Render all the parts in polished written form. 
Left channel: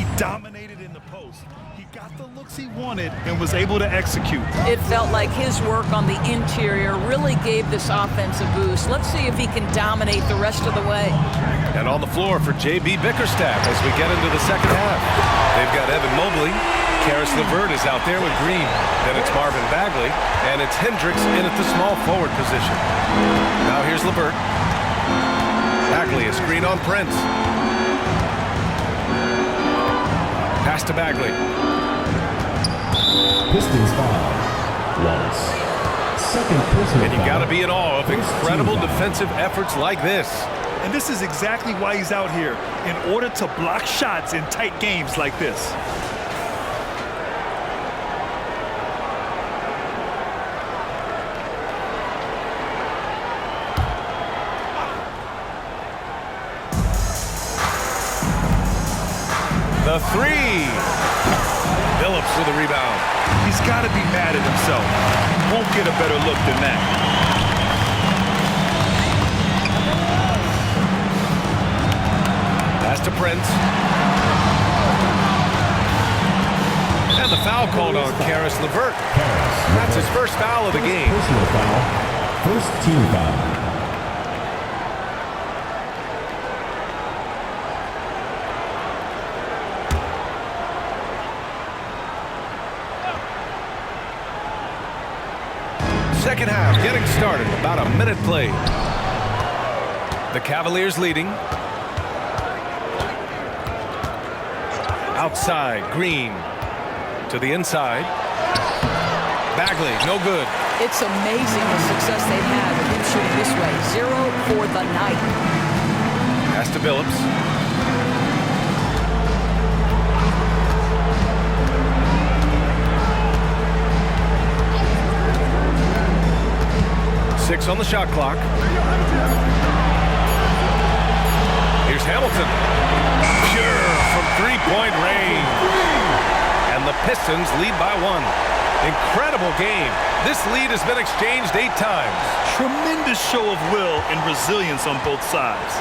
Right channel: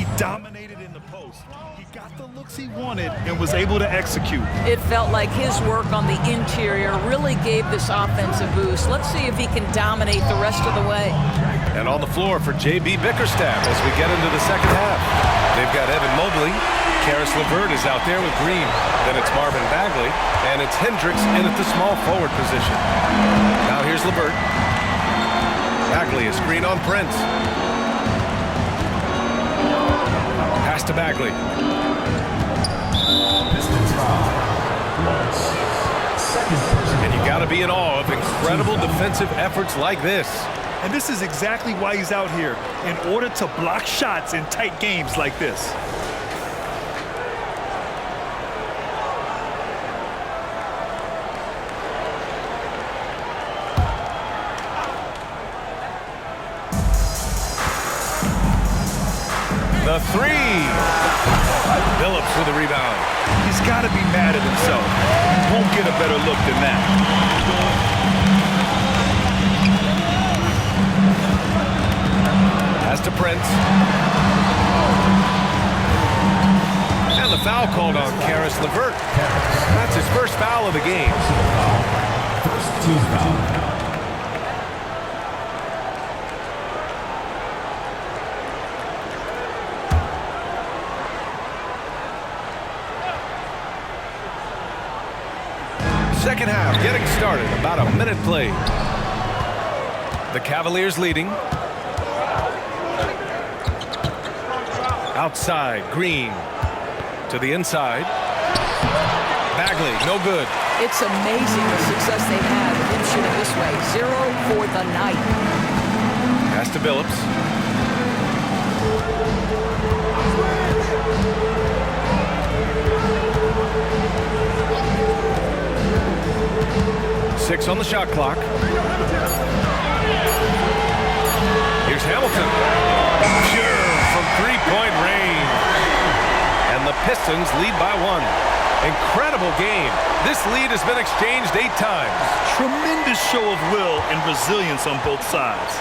He dominated in the post. He got the looks he wanted and was able to execute. It felt like his work on the interior really gave this offense a boost. Let's see if he can dominate the rest of the way. And on the floor for J.B. Bickerstaff as we get into the second half. They've got Evan Mobley. Karis LeVert is out there with Green. Then it's Marvin Bagley. And it's Hendricks in at the small forward position. Now here's LeVert. Bagley, a screen on Prince. Pass to Bagley. Pistons foul. Wallace. Second personal. And you got to be in awe of incredible defensive efforts like this. And this is exactly why he's out here, in order to block shots in tight games like this. The three. Phillips with a rebound. He's got to be mad at himself. He won't get a better look than that. Pass to Prince. And the foul called on Karis LeVert. That's his first foul of the game. Personal foul. First team foul. Second half getting started. About a minute played. The Cavaliers leading. Outside, Green. To the inside. Bagley, no good. It's amazing the success they've had with him shooting this way. 0 for the night. Pass to Phillips. Six on the shot clock. Here's Hamilton. Pure from three-point range. And the Pistons lead by 1. Incredible game. This lead has been exchanged 8 times. Tremendous show of will and resilience on both sides.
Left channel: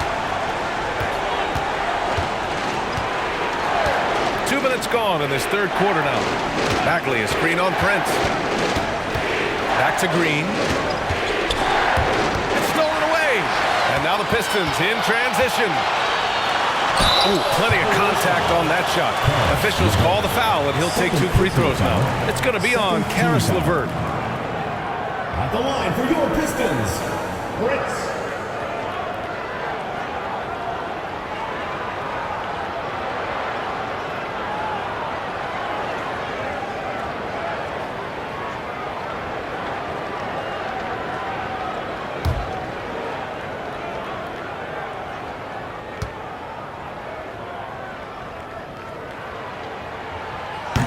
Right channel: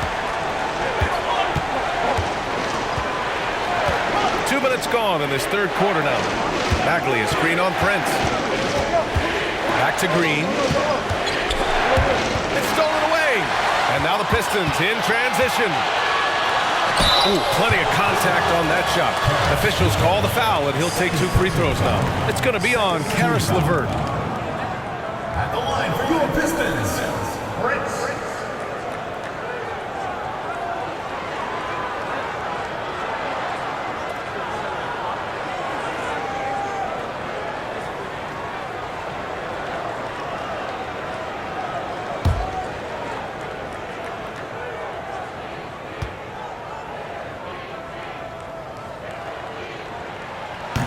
2 minutes gone in this third quarter now. Bagley, a screen on Prince. Back to Green. It's stolen away. And now the Pistons in transition. Ooh, plenty of contact on that shot. Officials call the foul, and he'll take 2 free throws now. It's going to be on Karis LeVert. At the line for your Pistons, Prince.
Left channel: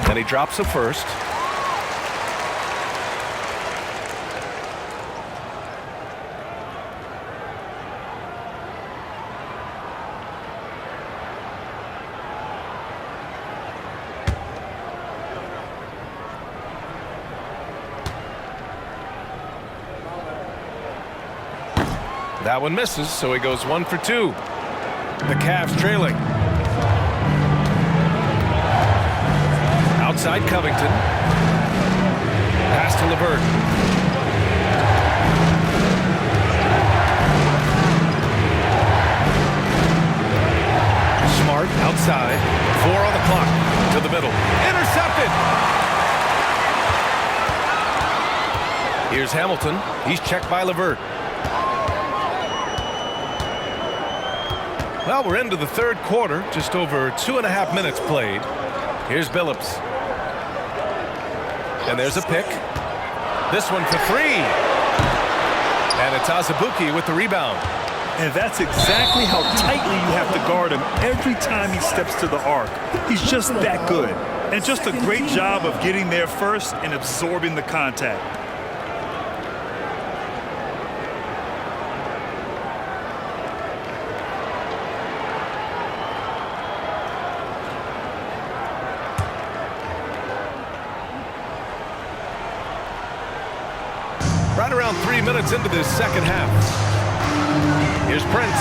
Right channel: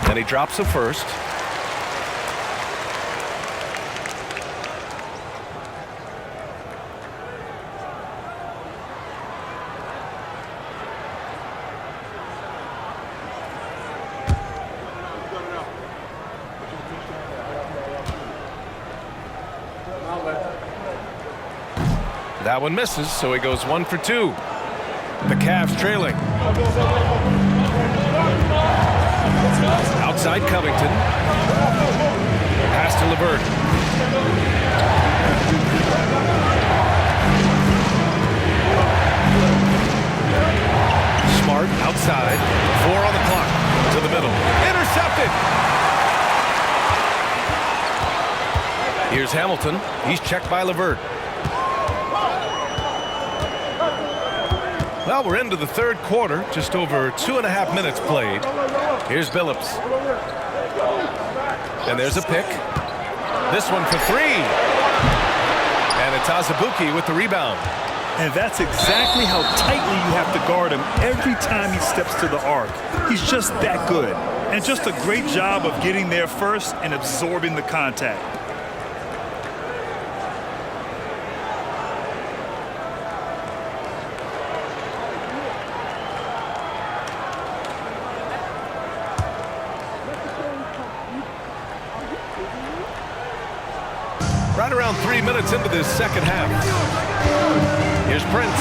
And he drops the first. That one misses, so he goes 1 for 2. The Cavs trailing. Outside Covington. Pass to LeVert. Smart outside. 4 on the clock. To the middle. Intercepted. Here's Hamilton. He's checked by LeVert. Well, we're into the third quarter. Just over 2.5 minutes played. Here's Phillips. And there's a pick. This one for 3. And it's Azubuike with the rebound. And that's exactly how tightly you have to guard him every time he steps to the arc. He's just that good. And just a great job of getting there first and absorbing the contact. Right around 3 minutes into this second half. Here's Prince.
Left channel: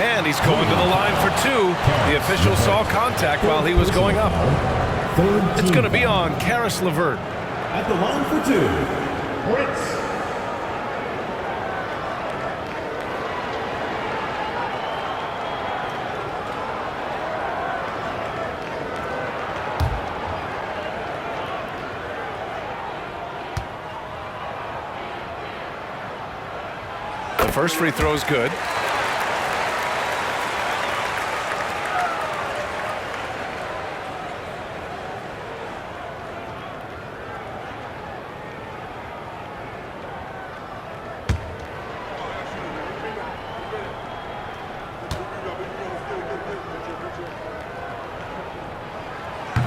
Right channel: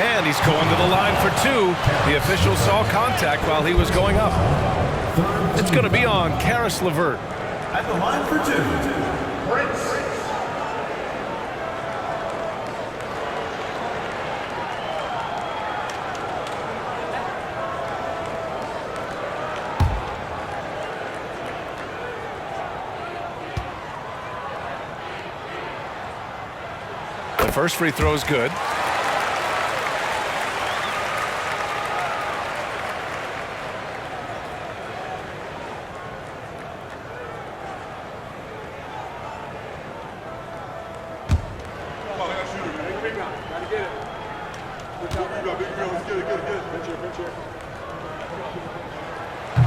And he's going to the line for two. The official saw contact while he was going up. It's going to be on Caris LeVert. At the line for two, Prince. The first free throw is good.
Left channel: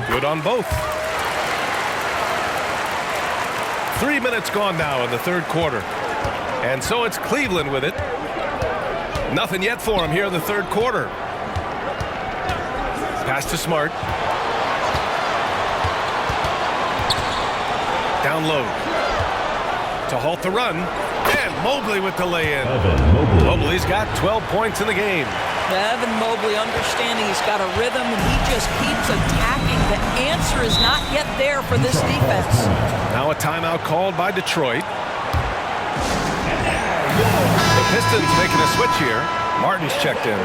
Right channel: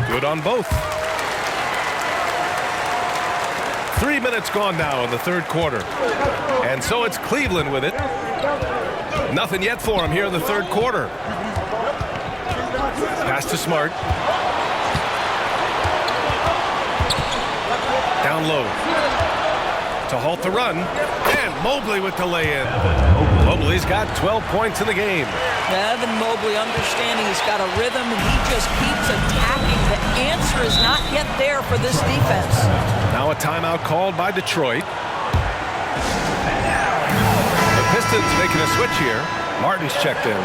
Good on both. 3 minutes gone now in the third quarter. And so it's Cleveland with it. Nothing yet for him here in the third quarter. Pass to Smart. Down low. To halt the run. And Mobley with the lay-in. Mobley's got 12 points in the game. Evan Mobley understanding he's got a rhythm and he just keeps attacking. The answer is not yet there for this defense. Now a timeout called by Detroit. The Pistons making a switch here. Martin's checked in.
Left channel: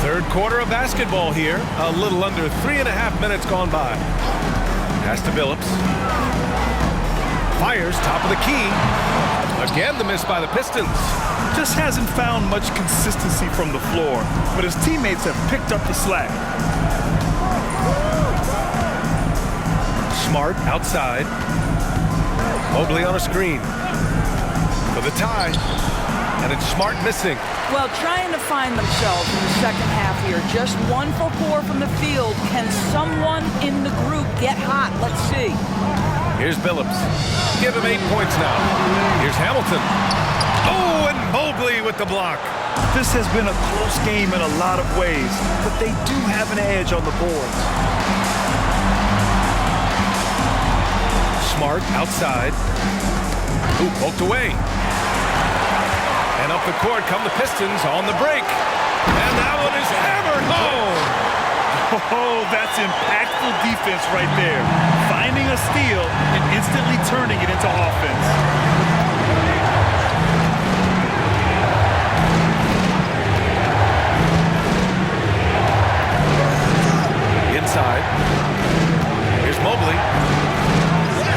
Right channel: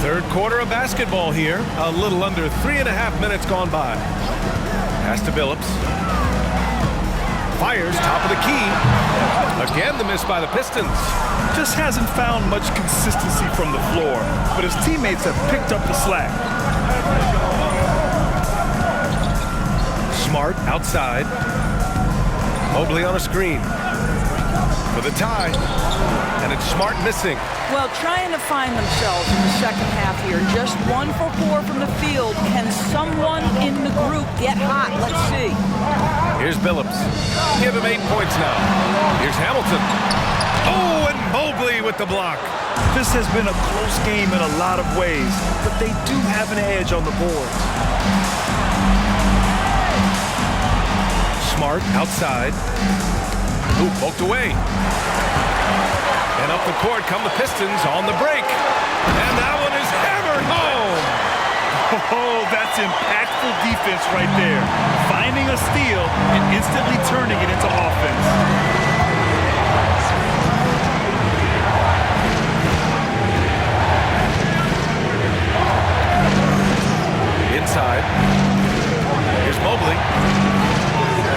Third quarter of basketball here. A little under 3.5 minutes gone by. Pass to Billups. Fires top of the key. Again the miss by the Pistons. Just hasn't found much consistency from the floor, but his teammates have picked up the slack. Smart outside. Mobley on a screen. For the tie. And it's Smart missing. Well, trying to find themselves in the second half here. Just 1 for 4 from the field. Can someone in the group get hot? Let's see. Here's Billups. Give him 8 points now. Here's Hamilton. Oh, and Mobley with the block. This has been a close game in a lot of ways, but they do have an edge on the boards. Smart outside. Ooh, poked away. And up the court come the Pistons on the break. And that one is hammered home. Oh, that's impactful defense right there. Finding a steal and instantly turning it into offense. Inside. Here's Mobley.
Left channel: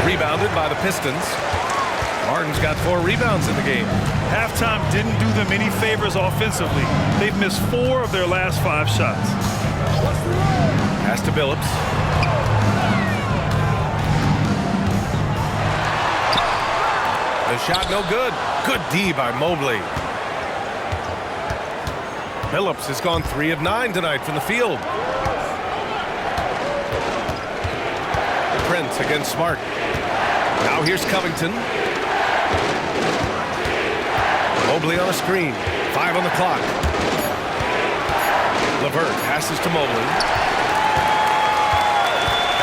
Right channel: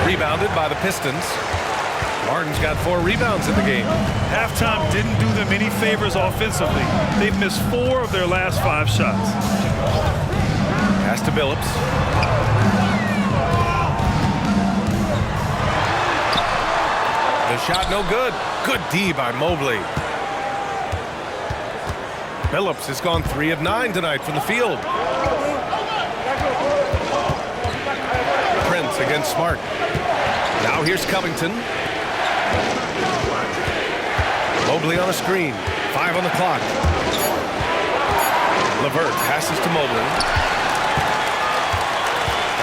Rebounded by the Pistons. Martin's got 4 rebounds in the game. Halftime didn't do them any favors offensively. They've missed 4 of their last 5 shots. Pass to Billups. The shot no good. Good D by Mobley. Billups has gone 3 of 9 tonight from the field. Prince against Smart. Now here's Covington. Mobley on a screen. 5 on the clock. LeVert passes to Mobley.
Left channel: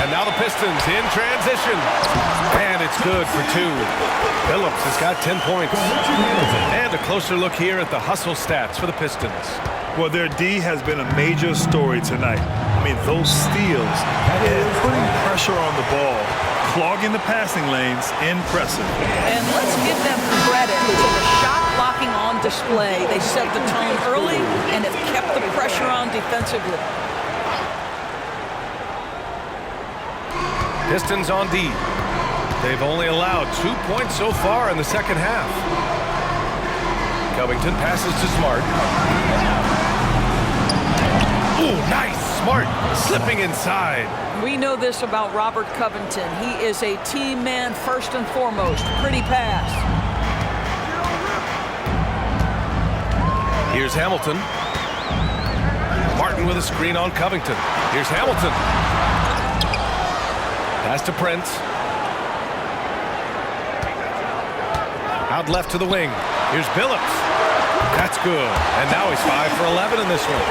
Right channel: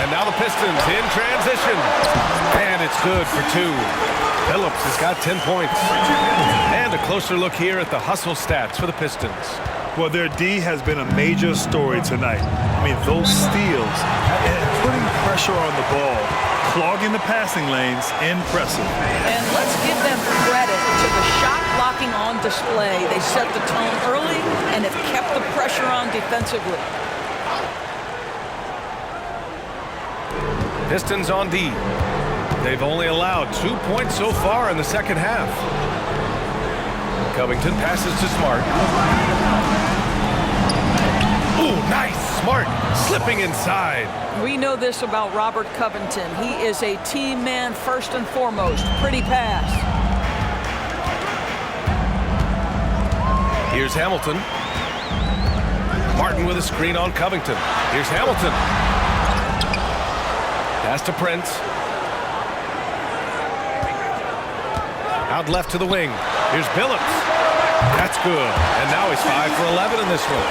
And now the Pistons in transition. And it's good for 2. Billups has got 10 points. And a closer look here at the hustle stats for the Pistons. Well, their D has been a major story tonight. I mean, those steals and putting pressure on the ball, clogging the passing lanes, impressive. And let's give them credit to the shot blocking on display. They set the tone early and have kept the pressure on defensively. Pistons on D. They've only allowed 2 points so far in the second half. Covington passes to Smart. Ooh, nice. Smart slipping inside. We know this about Robert Covington. He is a team man first and foremost. Pretty pass. Here's Hamilton. Martin with a screen on Covington. Here's Hamilton. Pass to Prince. Out left to the wing. Here's Billups. That's good. And now he's 5 for 11 in this one.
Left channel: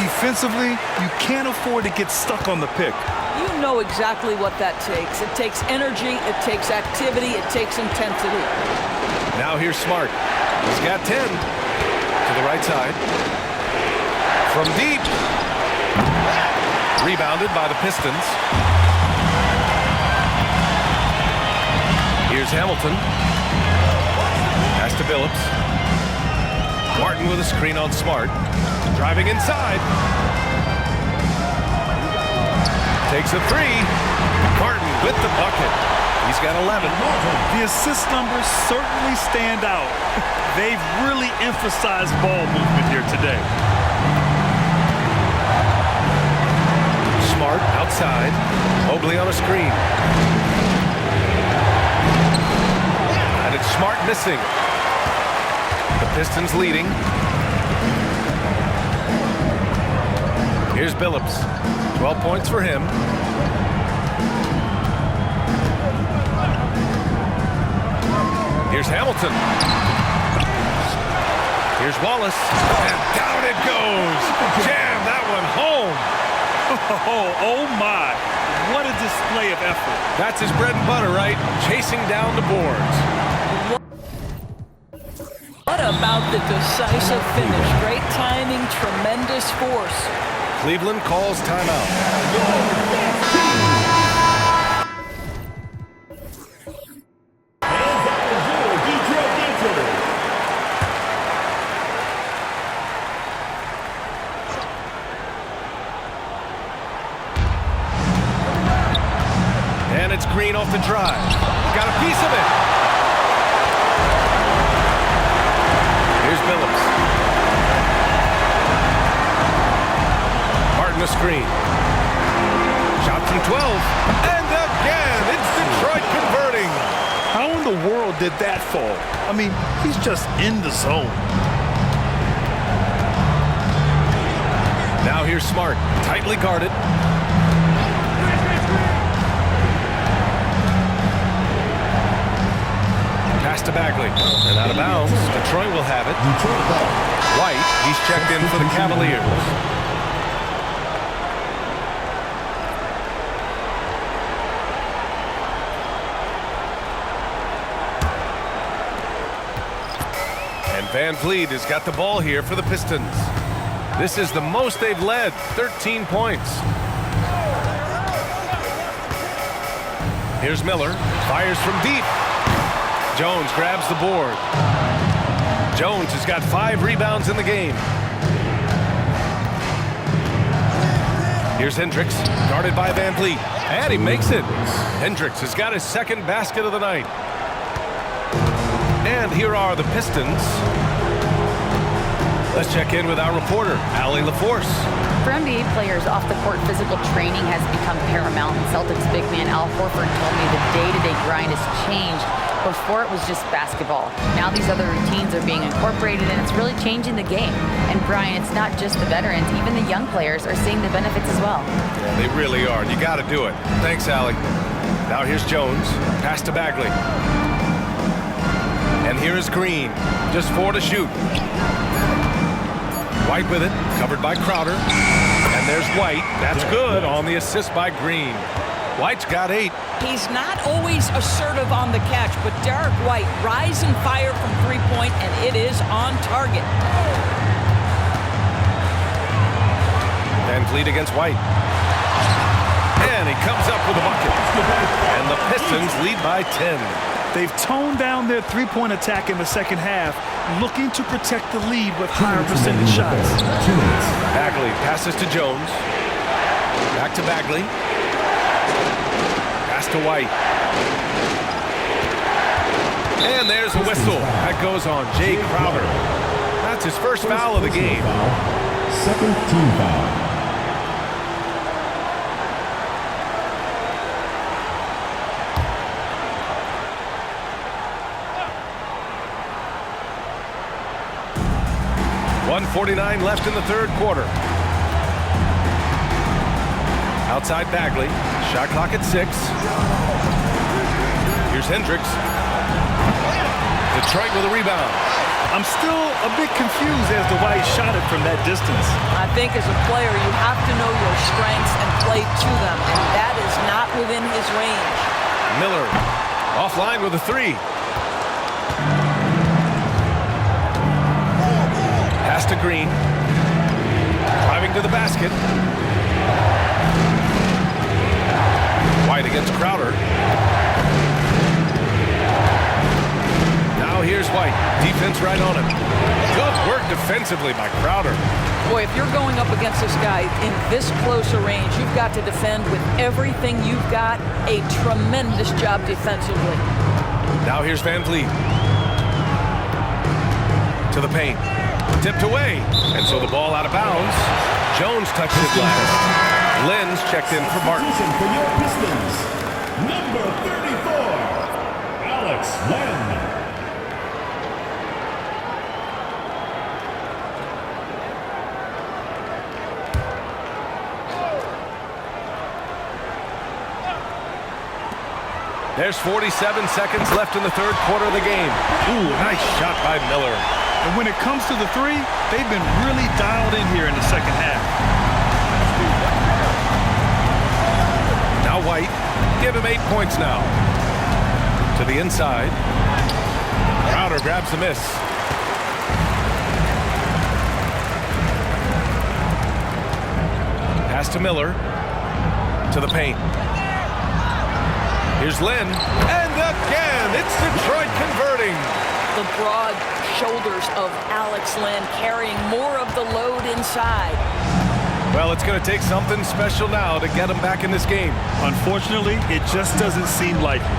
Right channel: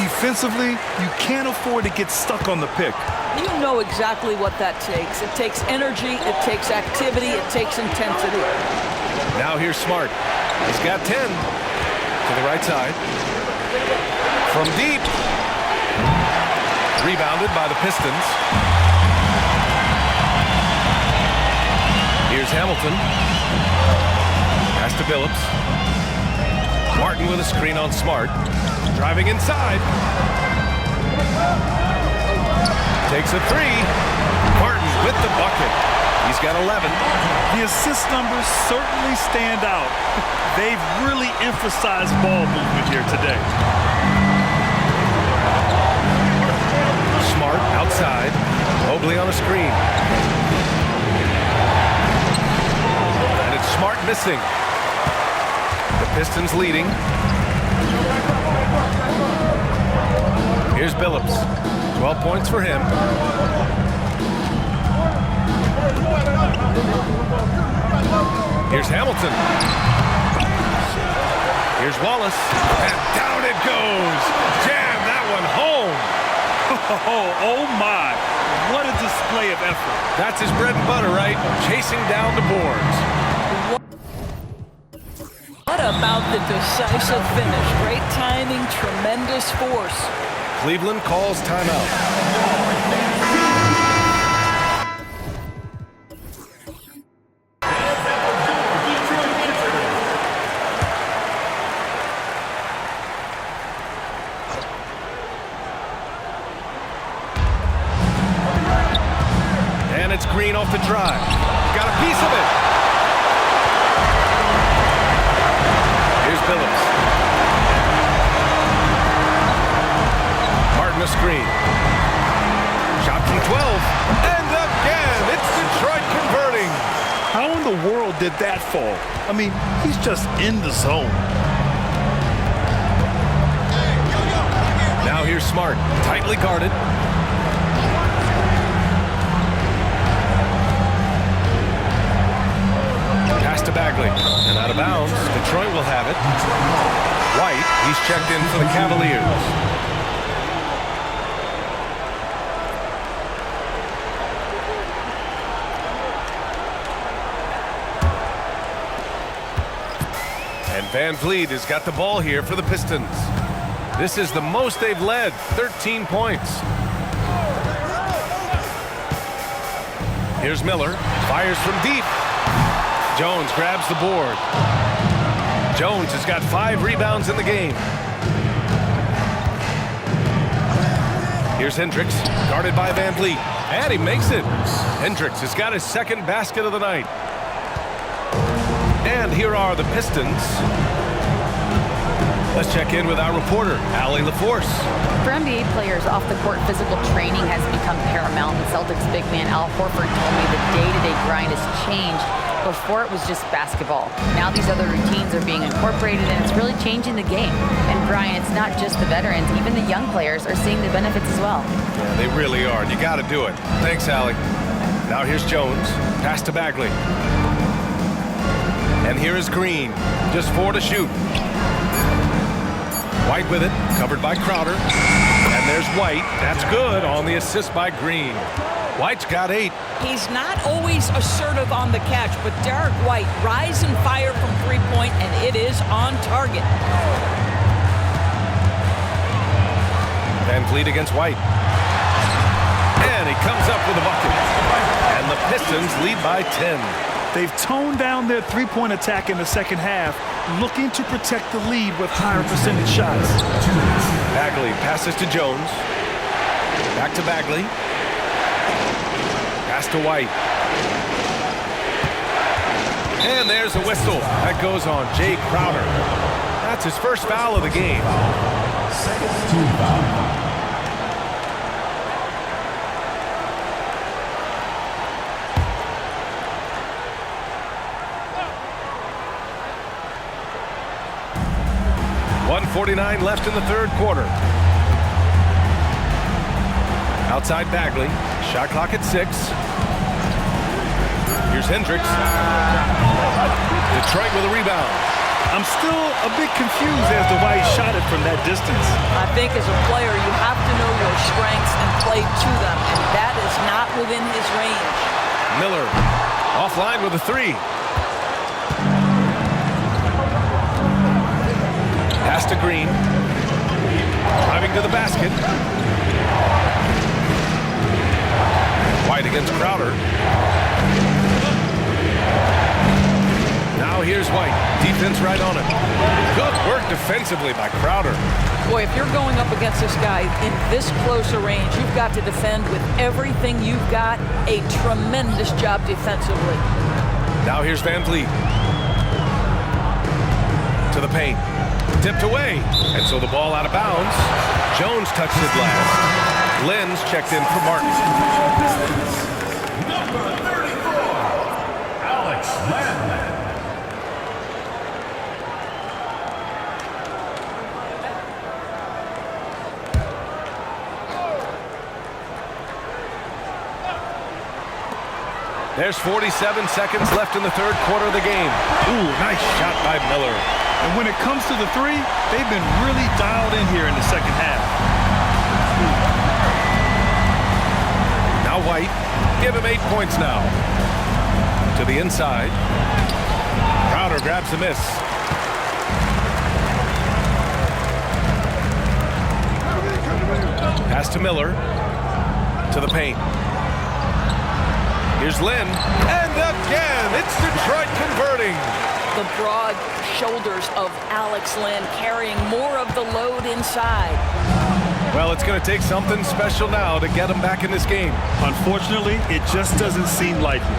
Defensively, you can't afford to get stuck on the pick. You know exactly what that takes. It takes energy, it takes activity, it takes intensity. Now here's Smart. He's got 10 to the right side. From deep. Rebounded by the Pistons. Here's Hamilton. Pass to Billups. Martin with a screen on Smart. Driving inside. Takes a three. Martin with the bucket. He's got 11. The assist numbers certainly stand out. They've really emphasized ball movement here today. Smart outside. Mobley on a screen. And it's Smart missing. The Pistons leading. Here's Billups. 12 points for him. Here's Hamilton. Here's Wallace. And down it goes. Jam that one home. Oh my, what a display of effort. That's his bread and butter, right? Chasing down the boards. What about the decisive finish? Great timing, tremendous force. Cleveland calls timeout. And it's Green off the drive. Got a piece of it. Here's Billups. Martin a screen. Shot from 12. And again, it's Detroit converting. How in the world did that fall? I mean, he's just in the zone. Now here's Smart, tightly guarded. Pass to Bagley, and out of bounds. Detroit will have it. White, he's checked in for the Cavaliers. And Van Vliet has got the ball here for the Pistons. This is the most they've led, 13 points. Here's Miller, fires from deep. Jones grabs the board. Jones has got 5 rebounds in the game. Here's Hendricks, guarded by Van Vliet. And he makes it. Hendricks has got his second basket of the night. And here are the Pistons. Let's check in with our reporter, Allie LaForce. For NBA players, off-the-court physical training has become paramount, and Celtics big man Al Horford told me the day-to-day grind has changed. Before it was just basketball. Now these other routines are being incorporated, and it's really changing the game. And Brian, it's not just the veterans, even the young players are seeing the benefits as well. Yeah, they really are. You got to do it. Thanks, Allie. Now here's Jones. Pass to Bagley. And here is Green. Just 4 to shoot. White with it, covered by Crowder. And there's White. That's good on the assist by Green. White's got 8. He's not always assertive on the catch, but Derek White rise and fire from three-point, and it is on target. Van Vliet against White. And he comes up with a bucket. And the Pistons lead by 10. They've toned down their three-point attack in the second half, looking to protect the lead with higher percentage shots. Bagley passes to Jones. Back to Bagley. Pass to White. And there's a whistle. That goes on Jay Crowder. That's his first foul of the game. Second team foul. .149 left in the third quarter. Outside Bagley. Shot clock at 6. Here's Hendricks. Detroit with a rebound. I'm still a bit confused as to why he shot it from that distance. I think as a player, you have to know your strengths and play to them, and that is not within his range. Miller offline with a three. Pass to Green. Driving to the basket. White against Crowder. Now here's White. Defense right on him. Good work defensively by Crowder. Boy, if you're going up against this guy in this close a range, you've got to defend with everything you've got. A tremendous job defensively. Now here's Van Vliet. To the paint. Tipped away. And so the ball out of bounds. Jones touched it last. Lenz checked in for Martin. For your Pistons, number 34, Alex Len. There's 47 seconds left in the third quarter of the game. Ooh, nice shot by Miller. And when it comes to the three, they've been really dialed in here in the second half. Now White. Give him 8 points now. To the inside. Crowder grabs the miss. Pass to Miller. To the paint. Here's Lynn, and again, it's Detroit converting. The broad shoulders of Alex Len carrying more of the load inside. Well, it's going to take something special now to get him back in this game. Unfortunately, it just doesn't seem likely.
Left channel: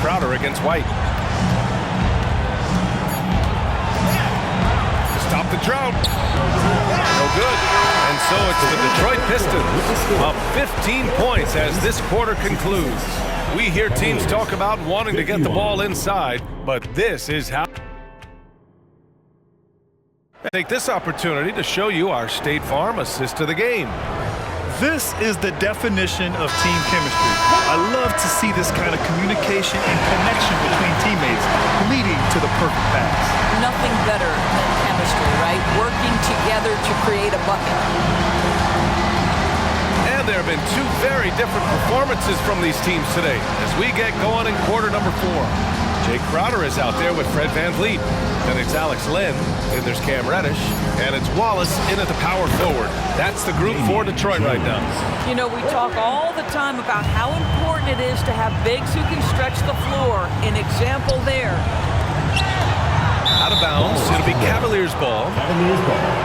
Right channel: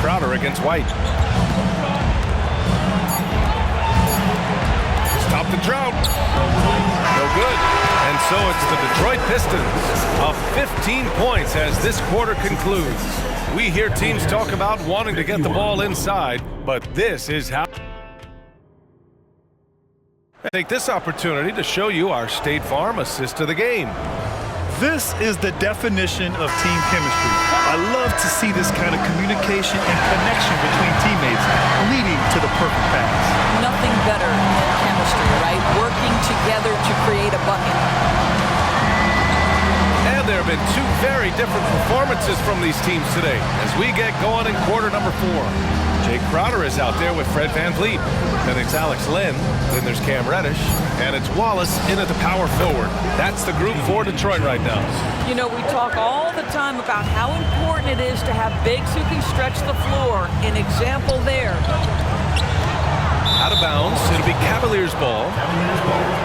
Crowder against White. Stop the drought. No good. And so it's the Detroit Pistons up 15 points as this quarter concludes. We hear teams talk about wanting to get the ball inside, but this is how. Take this opportunity to show you our State Farm assist of the game. This is the definition of team chemistry. I love to see this kind of communication and connection between teammates leading to the perfect pass. Nothing better than chemistry, right? Working together to create a bucket. And there have been two very different performances from these teams today as we get going in quarter number 4. Jay Crowder is out there with Fred Van Vliet. Then it's Alex Len. Then there's Cam Reddish. And it's Wallace in at the power forward. That's the group for Detroit right now. You know, we talk all the time about how important it is to have bigs who can stretch the floor. An example there. Out of bounds. It'll be Cavaliers ball. Cavaliers ball.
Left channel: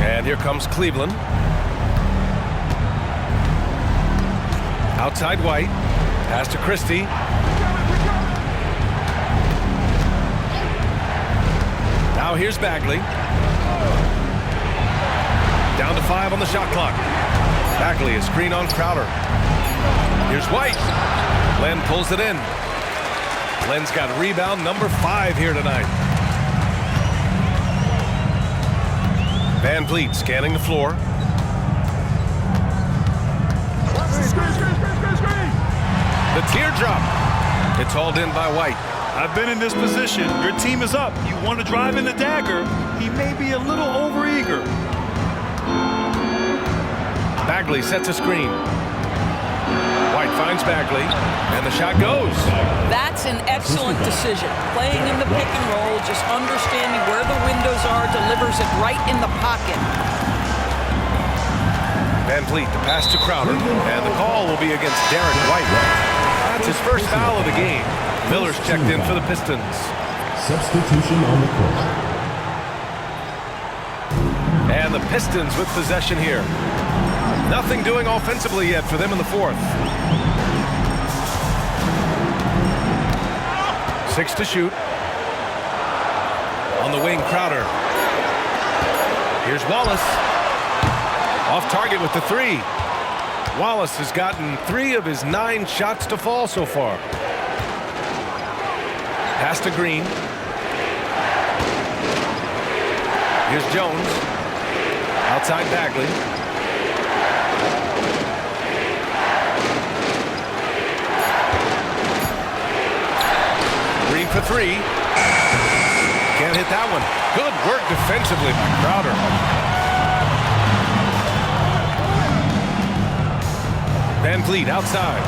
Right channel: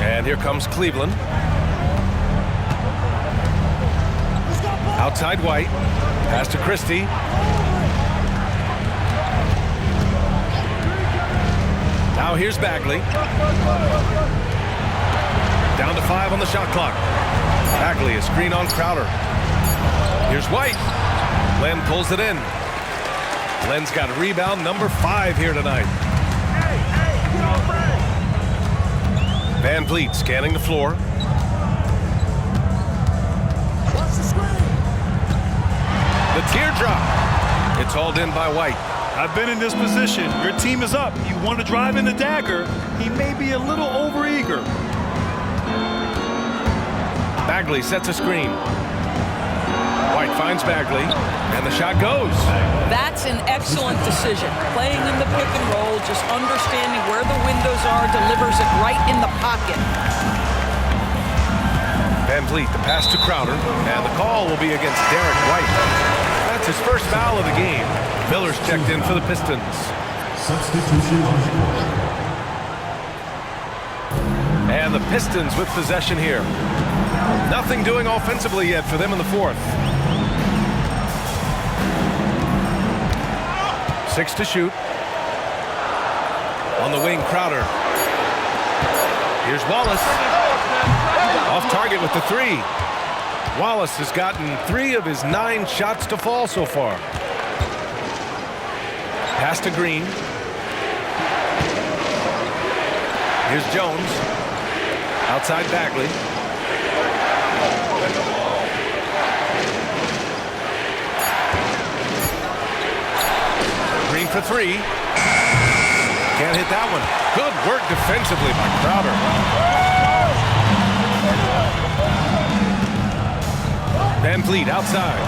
And here comes Cleveland. Outside White. Pass to Christie. Now here's Bagley. Down to 5 on the shot clock. Bagley is screen on Crowder. Here's White. Len pulls it in. Len's got rebound number 5 here tonight. Van Vliet scanning the floor. The teardrop. It's hauled in by White. I've been in this position. Your team is up. You want to drive in the dagger. He may be a little overeager. Bagley sets a screen. White finds Bagley, and the shot goes. That's an excellent decision. Playing in the pick and roll, just understanding where the windows are, delivers it right in the pocket. Van Vliet, the pass to Crowder, and the call will be against Derek White. That's his first foul of the game. Miller's checked in for the Pistons. Substitution on the court. And the Pistons with possession here. Nothing doing offensively yet for them in the fourth. 6 to shoot. On the wing, Crowder. Here's Wallace. Off target with the 3. Wallace has gotten 3 of his 9 shots to fall so far. Pass to Green. Here's Jones. Outside Bagley. Green for three. Can't hit that one. Good work defensively by Crowder. Van Vliet outside.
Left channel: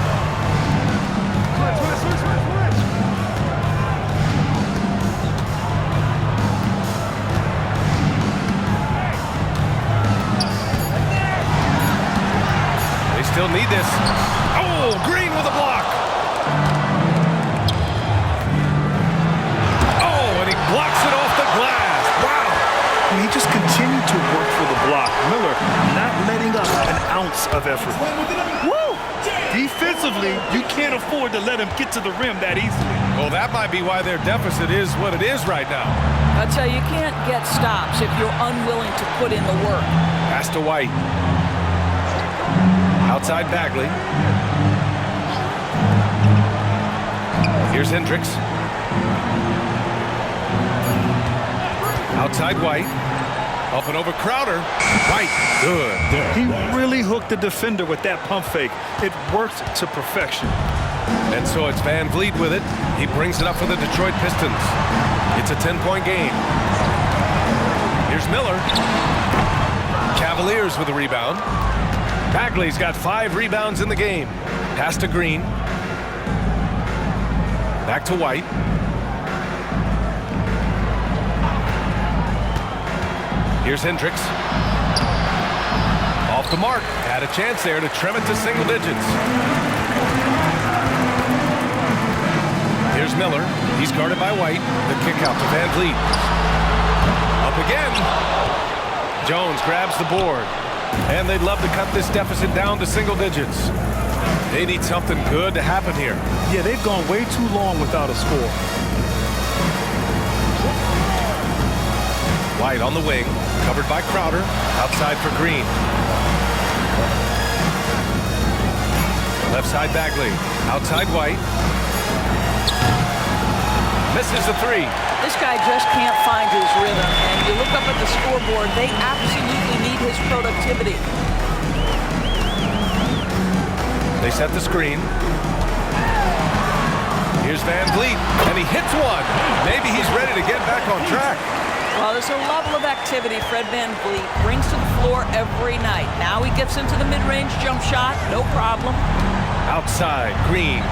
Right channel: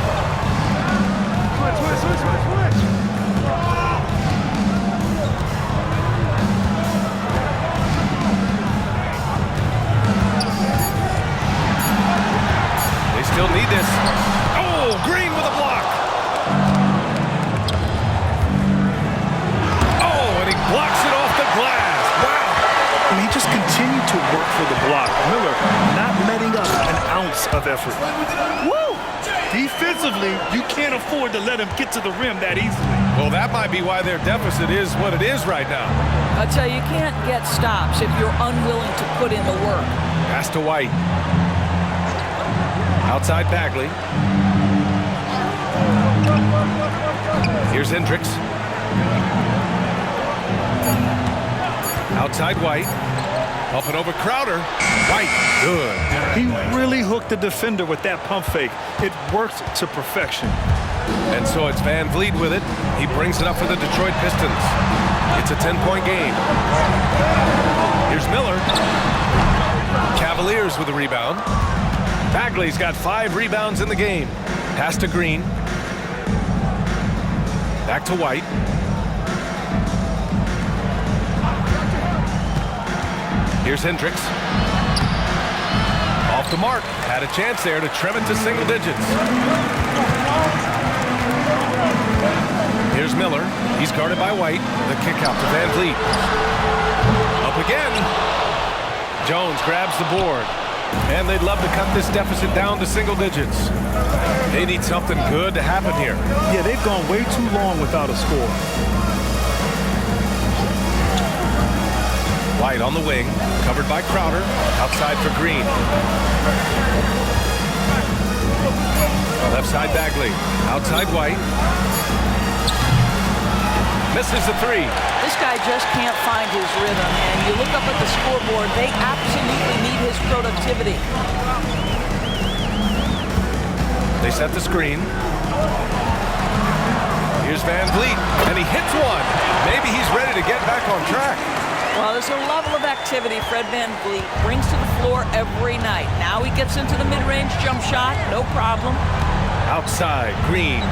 Switch. They still need this. Oh, Green with a block. Oh, and he blocks it off the glass. Wow. And he just continued to work for the block. Miller not letting up an ounce of effort. Woo! Defensively, you can't afford to let him get to the rim that easily. Well, that might be why their deficit is what it is right now. I tell you, you can't get stops if you're unwilling to put in the work. Pass to White. Outside Bagley. Here's Hendricks. Outside White. Up and over Crowder. White. Good. He really hooked the defender with that pump fake. It worked to perfection. And so it's Van Vliet with it. He brings it up for the Detroit Pistons. It's a 10-point game. Here's Miller. Cavaliers with the rebound. Bagley's got 5 rebounds in the game. Pass to Green. Back to White. Here's Hendricks. Off the mark. Had a chance there to trim it to single digits. Here's Miller. He's guarded by White. The kick out to Van Vliet. Up again. Jones grabs the board. And they'd love to cut this deficit down to single digits. They need something good to happen here. Yeah, they've gone way too long without a score. White on the wing, covered by Crowder. Outside for Green. Left side Bagley. Outside White. Misses the three. This guy just can't find his rhythm, and you look up at the scoreboard, they absolutely need his productivity. They set the screen. Here's Van Vliet, and he hits one. Maybe he's ready to get back on track. Well, there's a level of activity Fred Van Vliet brings to the floor every night. Now he gets into the mid-range jump shot, no problem. Outside, Green.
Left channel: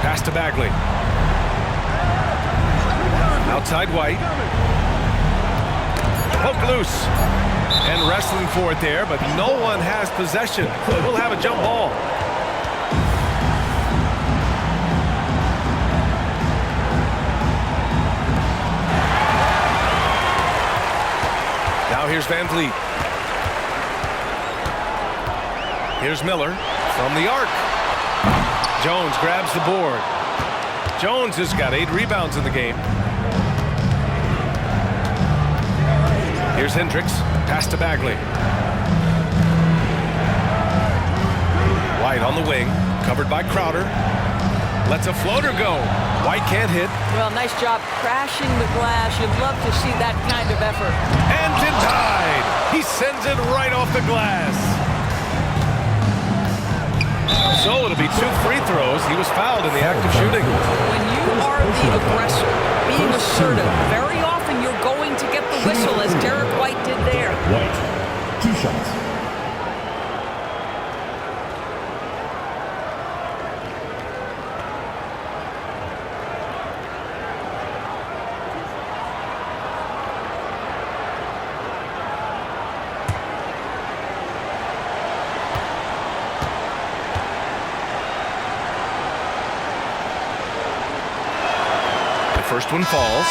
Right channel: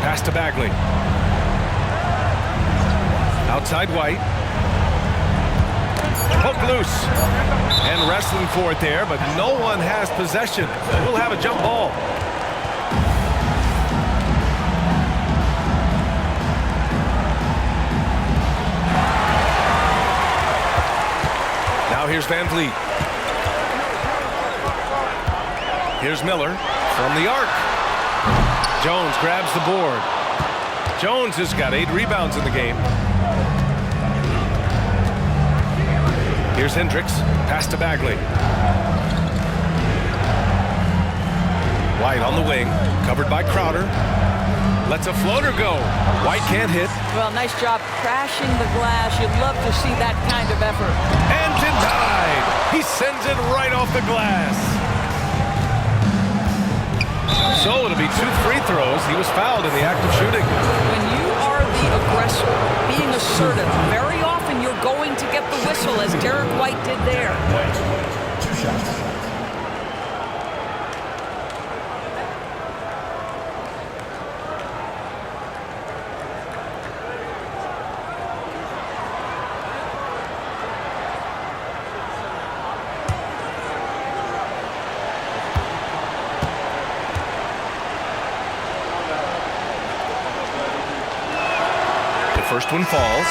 Pass to Bagley. Outside White. Poke loose. And wrestling for it there, but no one has possession. We'll have a jump ball. Now here's Van Vliet. Here's Miller from the arc. Jones grabs the board. Jones has got 8 rebounds in the game. Here's Hendricks. Pass to Bagley. White on the wing. Covered by Crowder. Lets a floater go. White can't hit. Well, nice job crashing the glass. You'd love to see that kind of effort. And denied. He sends it right off the glass. So it'll be 2 free throws. He was fouled in the act of shooting. When you are the aggressor, being assertive, very often you're going to get the whistle, as Derek White did there. White, 2 shots. First one falls.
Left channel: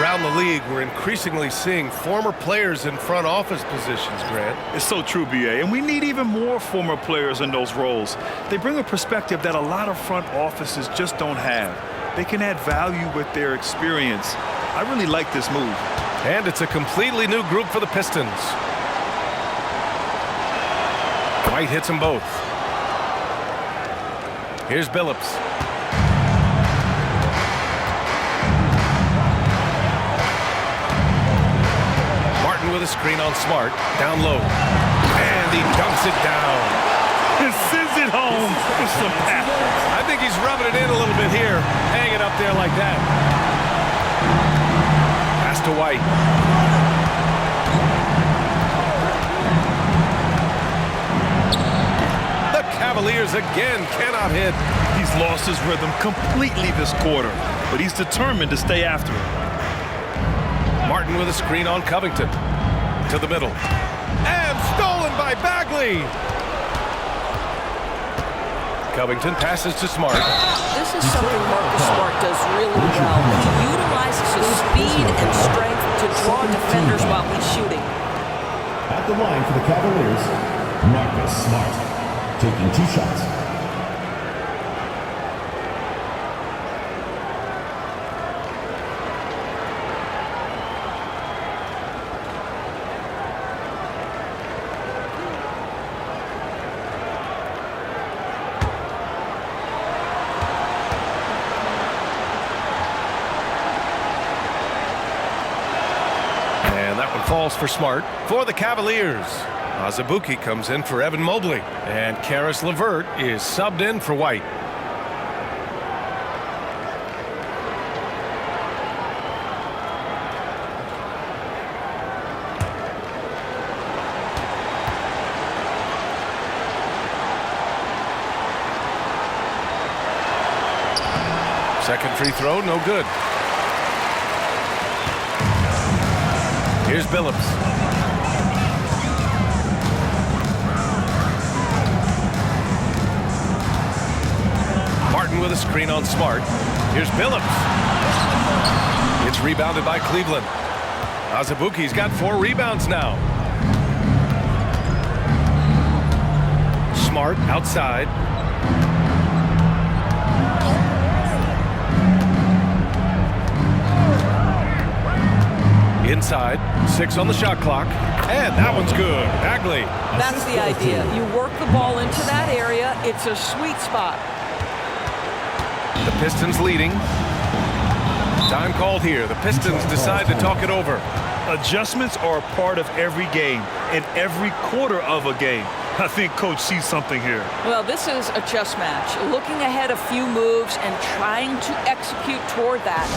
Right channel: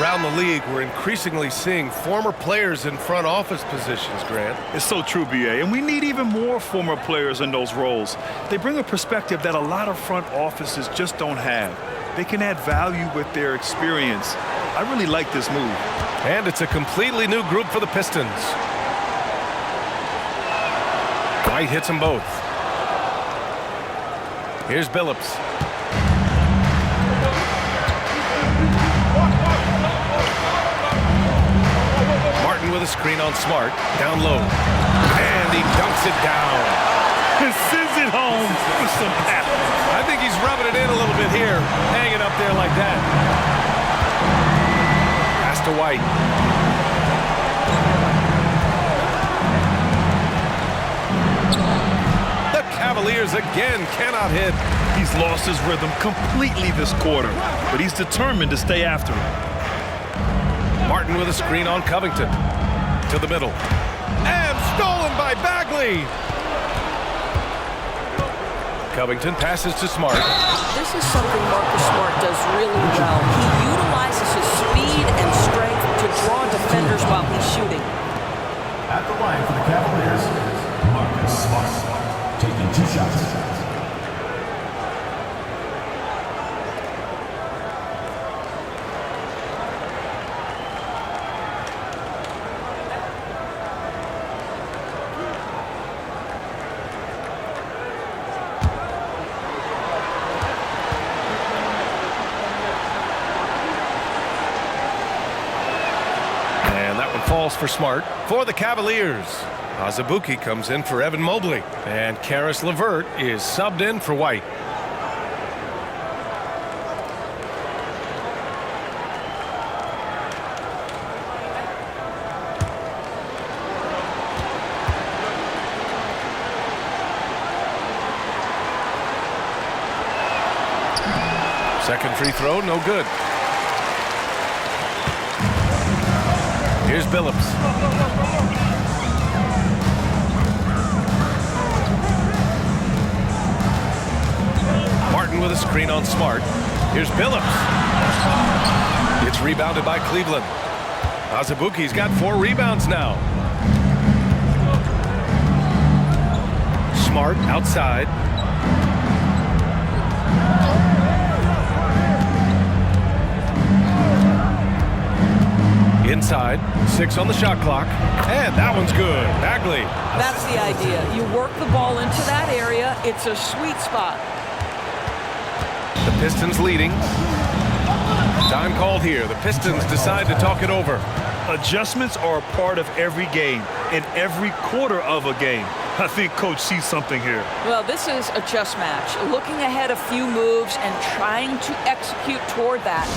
Around the league, we're increasingly seeing former players in front office positions, Grant. It's so true, B.A., and we need even more former players in those roles. They bring a perspective that a lot of front offices just don't have. They can add value with their experience. I really like this move. And it's a completely new group for the Pistons. White hits them both. Here's Billups. Martin with a screen on Smart. Down low. And he dunks it down. And sends it home with some pep. I think he's rubbing it in a little bit here. Hang it up there like that. Pass to White. The Cavaliers again cannot hit. He's lost his rhythm completely this quarter, but he's determined to stay after it. Martin with a screen on Covington. To the middle. And stolen by Bagley. Covington passes to Smart. This is something Marcus Smart does really well. He utilizes his speed and strength to draw defenders while he's shooting. At the line for the Cavaliers, Marcus Smart, taking 2 shots. And that one falls for Smart. For the Cavaliers, Azubuike comes in for Evan Mobley. And Karis LeVert is subbed in for White. Second free throw, no good. Here's Billups. Martin with a screen on Smart. Here's Billups. It's rebounded by Cleveland. Azubuike's got 4 rebounds now. Smart outside. Inside, 6 on the shot clock, and that one's good. Bagley. That's the idea. You work the ball into that area. It's a sweet spot. The Pistons leading. Time called here. The Pistons decide to talk it over. Adjustments are a part of every game and every quarter of a game. I think Coach sees something here. Well, this is a chess match. Looking ahead a few moves and trying to execute toward that.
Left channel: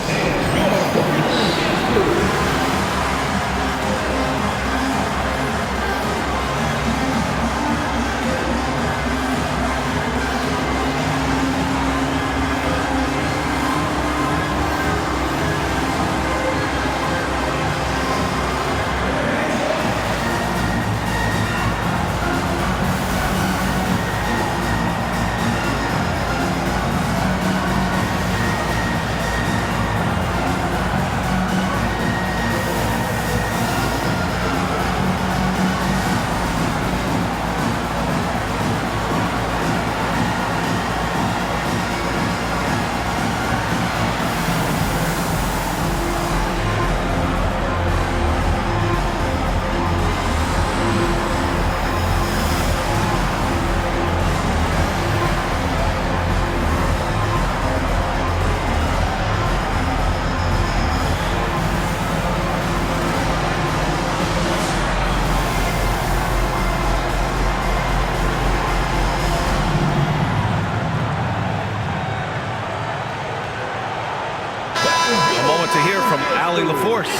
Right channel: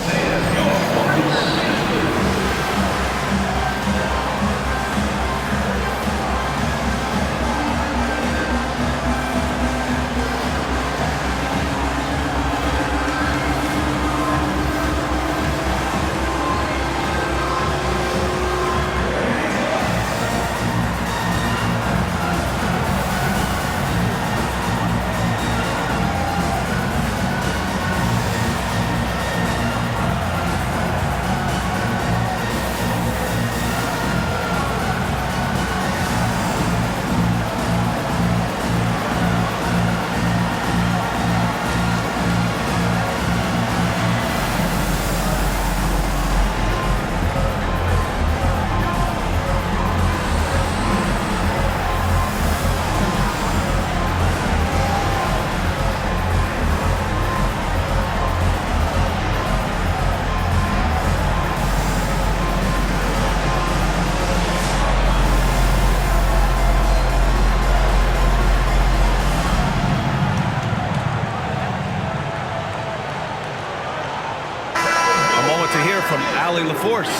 To hear from Allie LaForce.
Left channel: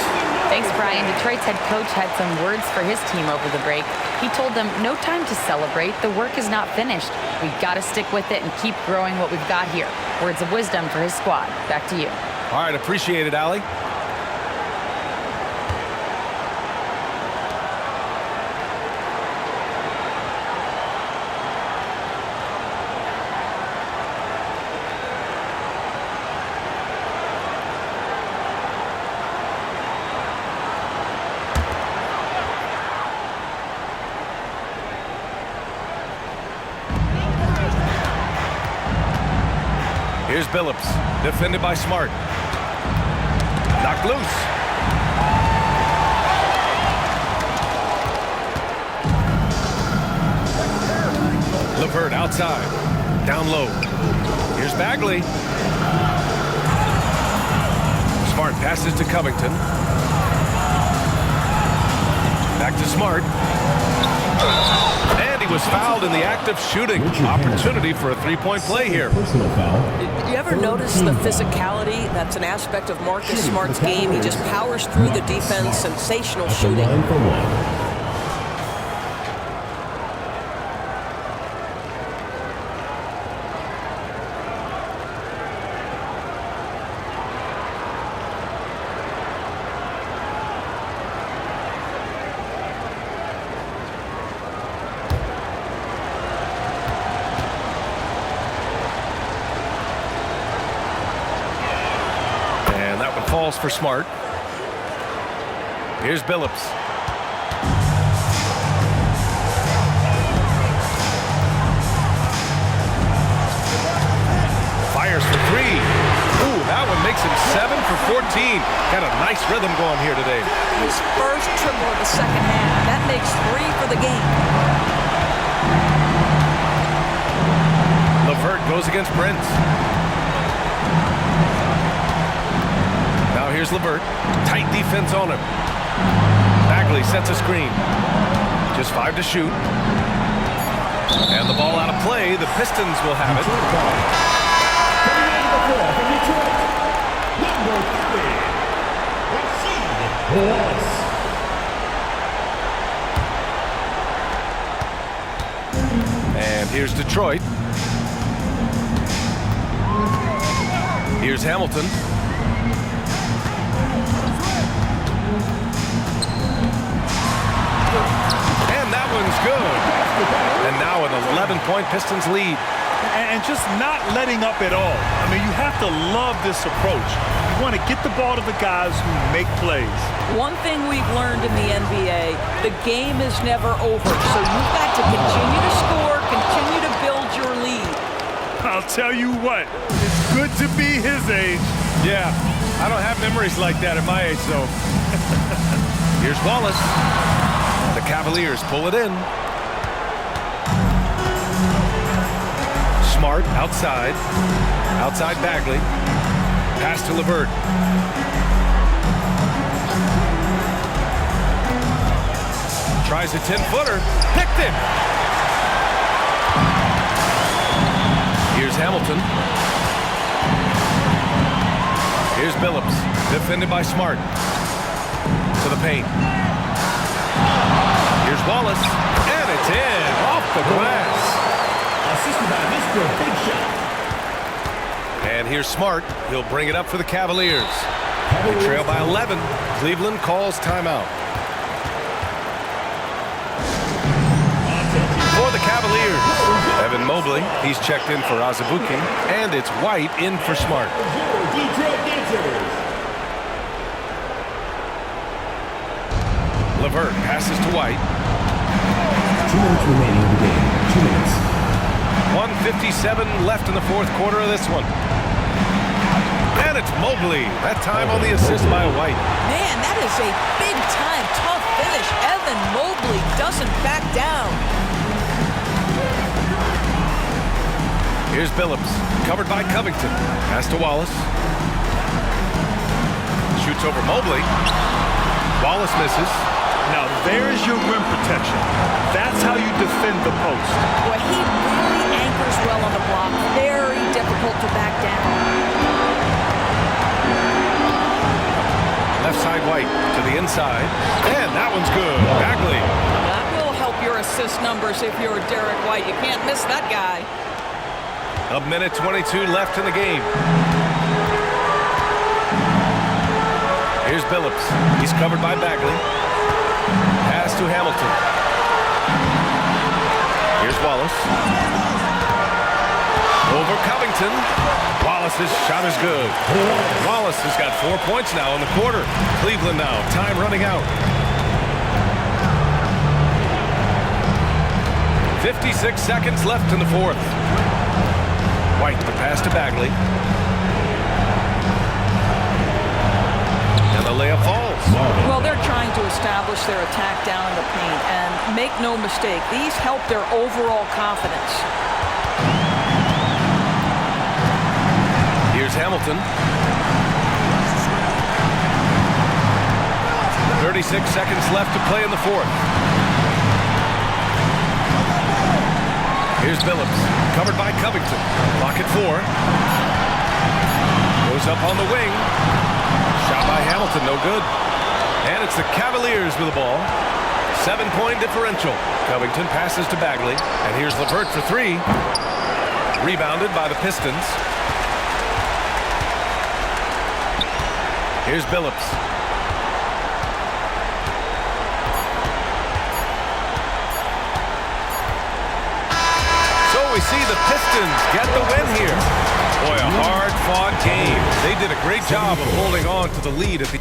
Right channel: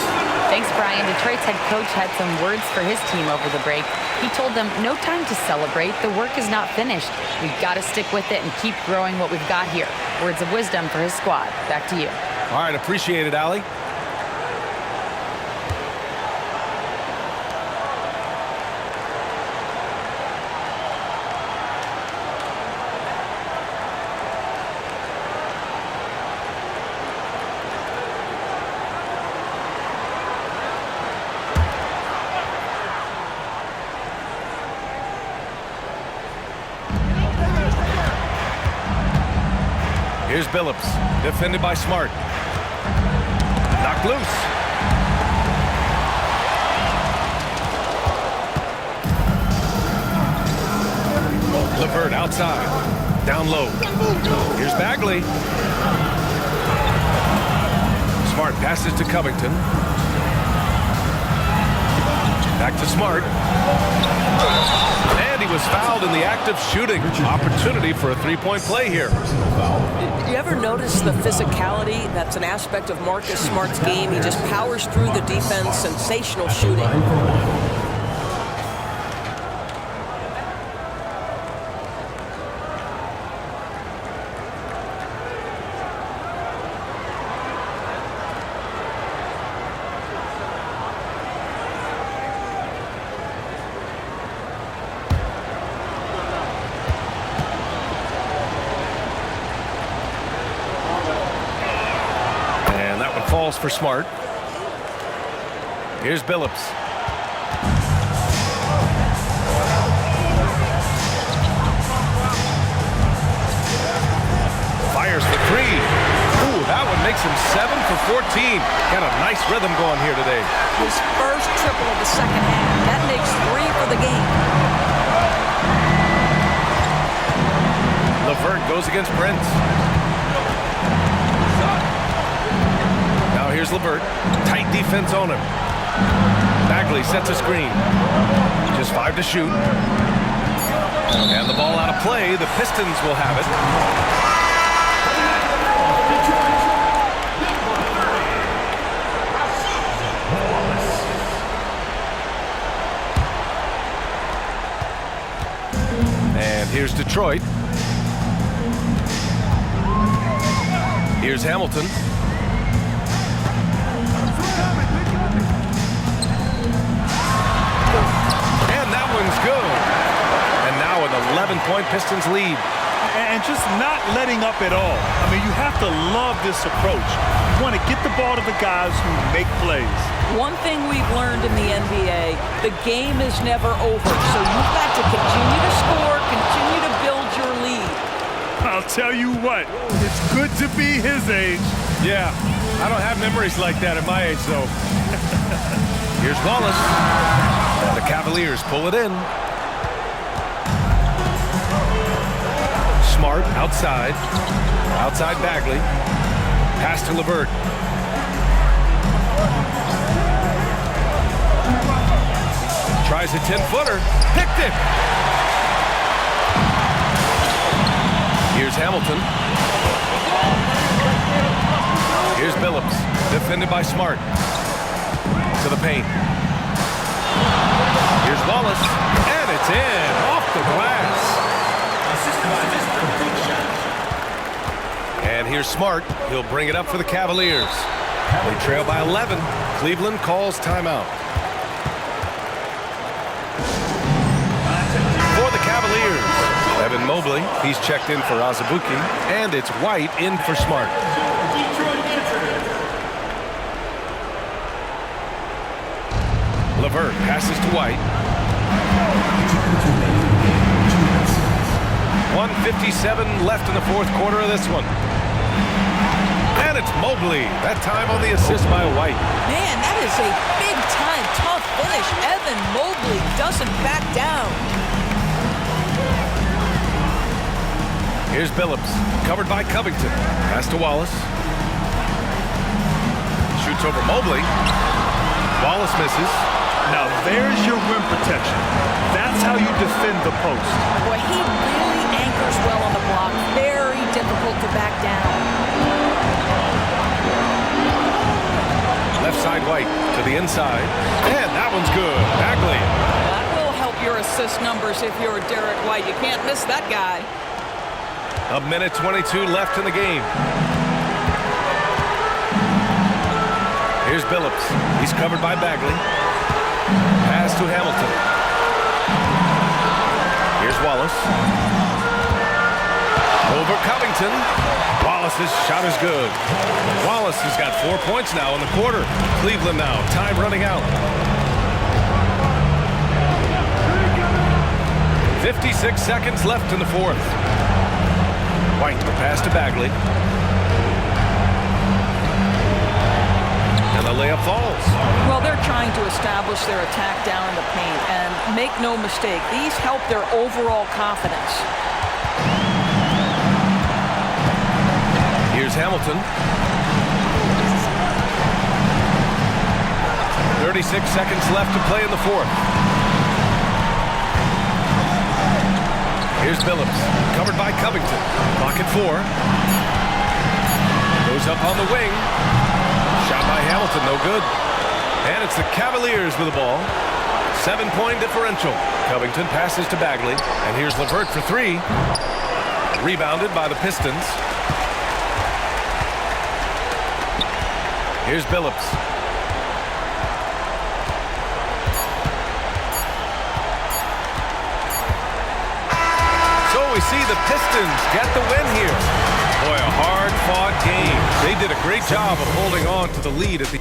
Thanks, Brian. Detroit's head coach had some words for his team over the break. He told them, no time to celebrate. The work is not finished. We've got to stick with it and keep growing what we've got here. Words of wisdom for his squad. Back to you. All right, appreciate it, Allie. Here's Billups, defended by Smart. Knocked loose. LeVert outside. Down low. Here's Bagley. Smart passes to Covington. Back to Smart. And he was fouled in the act of shooting. Opportunity for a three-point play here. Personal foul. You ever notice the physicality? That's an aspect of Marcus Smart's game. He just powers through the defense. Sensational shooting. Line for one. And that one falls for Smart. Here's Billups. Fires for three. Ooh, that one makes him 7 for 14. Got a nice rhythm going here today. His first triple of the second half. That makes 3 for the game. LeVert goes against Prince. Now here's LeVert. Tight defense on him. Bagley sets a screen. Just 5 to shoot. And the ball out of play. The Pistons will have it. Coming out of the floor for Detroit, number 30, Rasheed Wallace. And here's Detroit. Here's Hamilton. And that one's good. And now an 11-point Pistons lead. And just not letting up at all. I mean, you have to love this approach. You want to get the ball to the guys who make plays. One thing we've learned in the NBA, the game is never over. So you've got to continue to score, continue to build your lead. I'll tell you what, it's good to be his age. Yeah, I don't have memories like that at my age, though. Here's Wallace. The Cavaliers pull it in. Smart outside. Outside Bagley. Pass to LeVert. Tries a 10-footer. Picked it. Here's Hamilton. Here's Billups. Defended by Smart. To the paint. Here's Wallace. And it's in. Off the glass. Assisted by Mr. Big Shot. And here's Smart. He'll bring it up for the Cavaliers. They trail by 11. Cleveland calls timeout. For the Cavaliers, Evan Mobley. He's checked in for Azubuike. And it's White in for Smart. Detroit Dancers. LeVert passes to White. 2 minutes remaining in the game. 2 minutes. 1:57 left in the fourth quarter of this one. And it's Mobley. That time on the assist by White. Man, that is a big-time, tough finish. Evan Mobley doesn't back down. Here's Billups. Covered by Covington. Pass to Wallace. Shoots over Mobley. Wallace misses. Now there's your rim protection. That's how you defend the post. Boy, he really anchors well on the block. Very difficult to back down. Left side White to the inside. And that one's good. Bagley. That will help your assist numbers if you're Derek White. You can't miss that guy. 1:22 left in the game. Here's Billups. He's covered by Bagley. Pass to Hamilton. Here's Wallace. Over Covington. Wallace's shot is good. Wallace has got 4 points now in the quarter. Cleveland now. Time running out. 56 seconds left in the fourth. White, the pass to Bagley. And the layup falls. Well, they're trying to establish their attack down in the paint. And make no mistake, these help their overall confidence. Here's Hamilton. 36 seconds left to play in the fourth. Here's Billups, covered by Covington. Clock at 4. Goes up on the wing. Shot by Hamilton, no good. And it's the Cavaliers with the ball. 7-point differential. Covington passes to Bagley. And here's LeVert for 3. Rebounded by the Pistons. Here's Billups. So we see the Pistons get the win here. Boy, a hard-fought game. They did a great job of holding on to the lead at the